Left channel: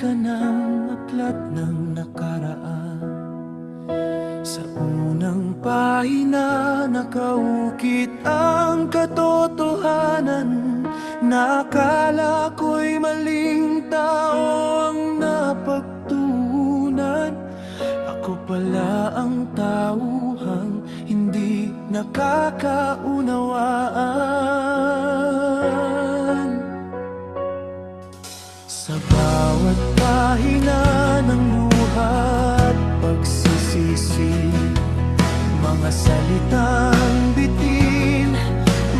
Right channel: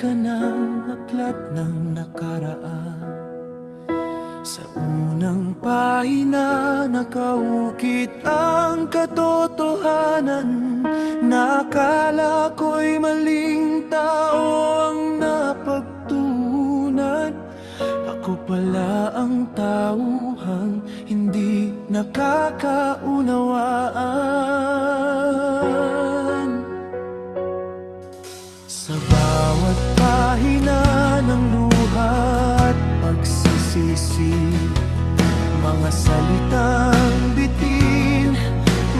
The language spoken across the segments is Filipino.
ka ng aklat ng nakaraan. Sa unang pahina nakaukit ang katotohanan, na akala ko'y maling tao ang napagtuunan. Ako pala ang tauhang hindi nakakaunawaan. Sa bawat pahina ng luha at pagsisisi, mga salitang bitin,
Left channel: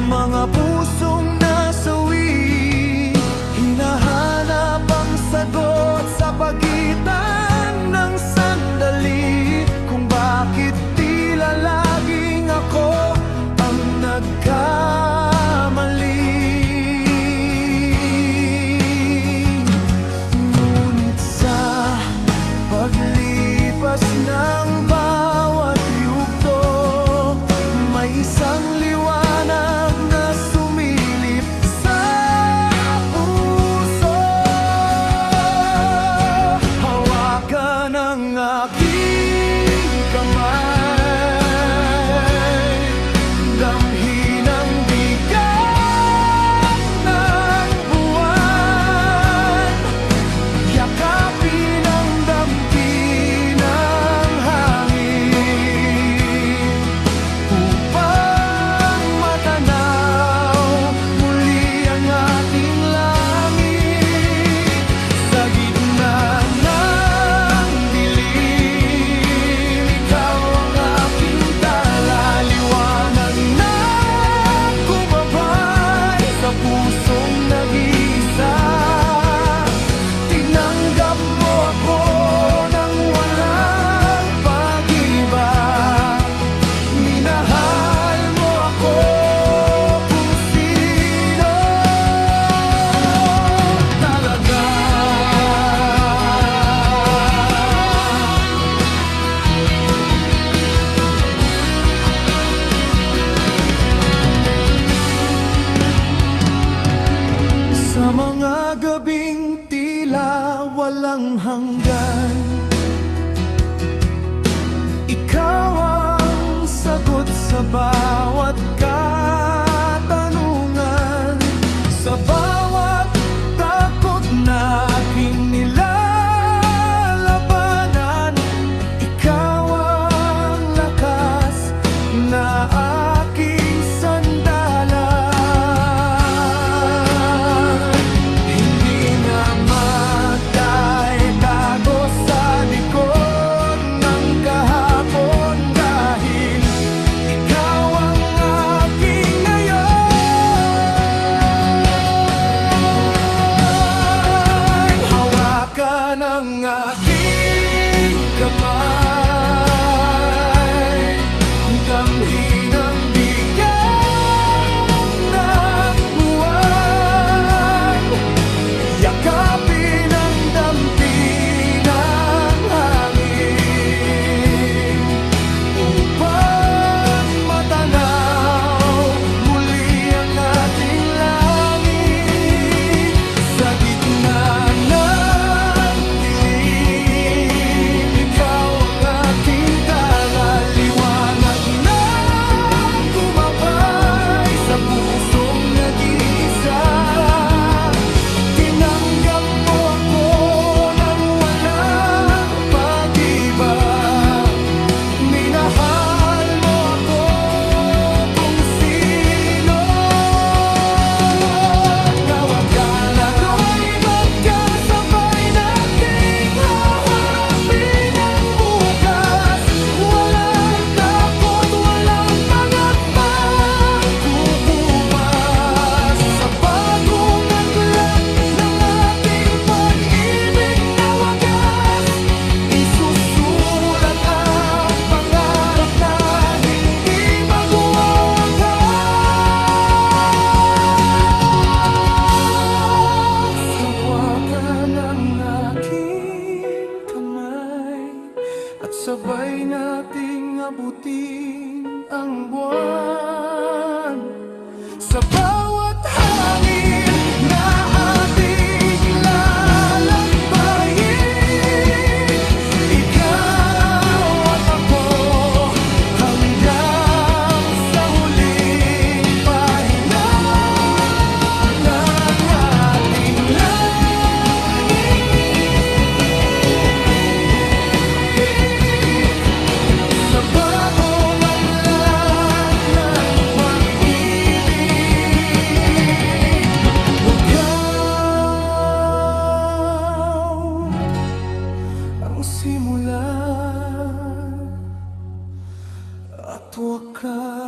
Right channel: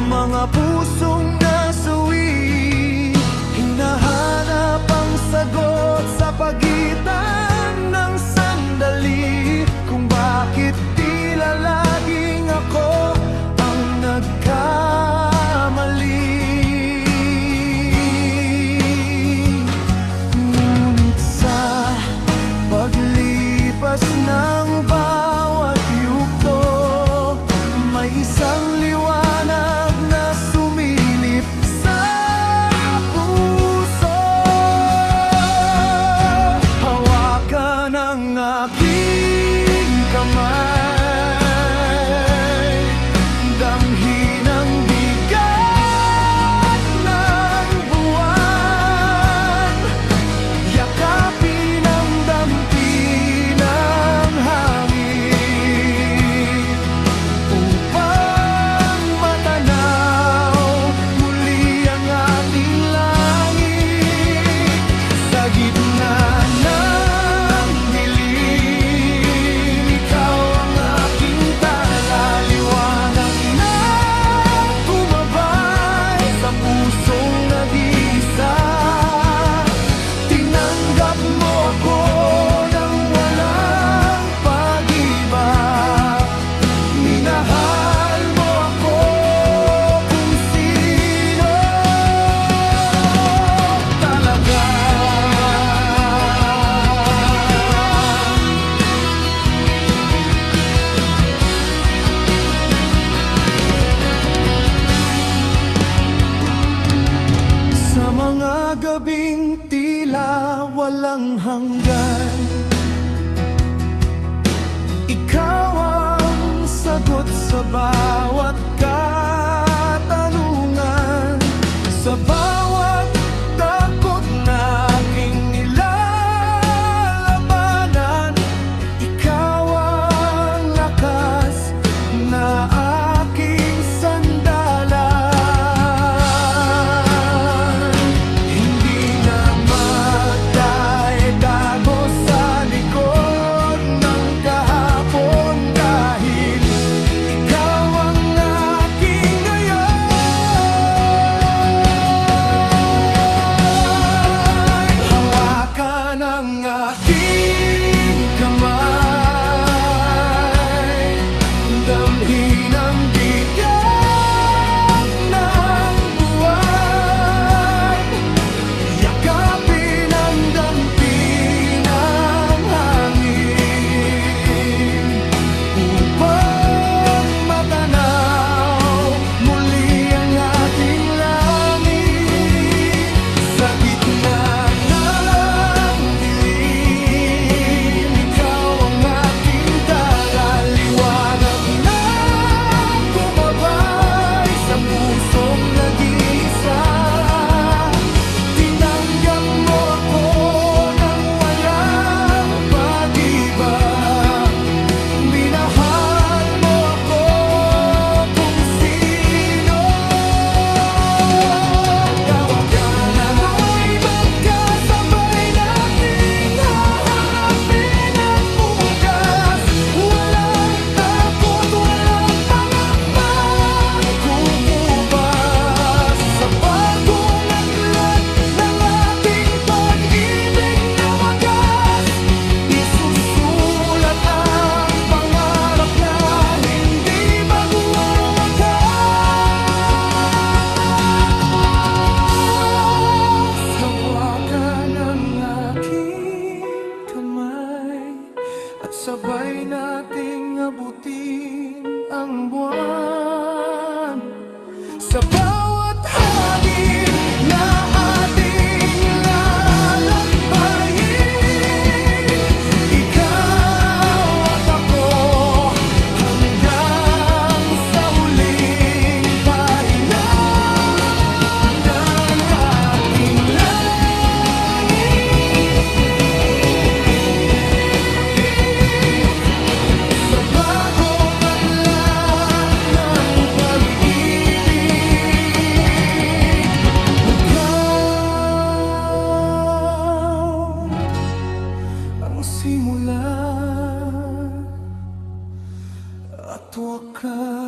mga pusong nasawi, hinahanap ang sagot sa pagitan ng sandali, kung bakit tila laging ako ang nagkamali. Ngunit sa paglipas ng bawat yugto, may isang liwanag na sumilip sa puso. Hawakan ang aking kamay, damhin ang bigat ng buwan, yakapin ang dampi ng hangin, upang matanaw muli ang ating langit. Sa gitna ng dilim, ikaw ang aking tala, liwanag na gumabay sa pusong nag-iisa. Tinanggap mo ako nang walang pag-iba, minahal mo ako kung sino talaga. Sa mga gabing tila walang hanggan, ikaw ang sagot sa bawat katanungan, sa bawat takot na aking nilalabanan. Ikaw ang lakas na aking sandalan. Hindi na magtae-tago sa likod ng kahapon, dahil ikaw ang aking ngayon. Hawakan ang aking kamay, damhin ang bigat ng buwan, yakapin ang dampi ng hangin, upang matanaw muli ang ating langit. Sa gitna ng dilim, ikaw ang aking tala, liwanag na gumabay sa pusong nag-iisa. Tinanggap mo ako nang walang pag-iba, minahal mo ako kung sino. Kawagan ako'y magkasabay nating haharapin ang bukas. Walang takot, walang pangambang kukupas, sa bagong aklat ng ating pag-ibig na wagas. Isusulat ang pangarap na hindi magwawakas. Hawakan ang aking kamay, at sabay nating abutin ang buwan. Sa bawat hangin na ating lalakbayan, wakas.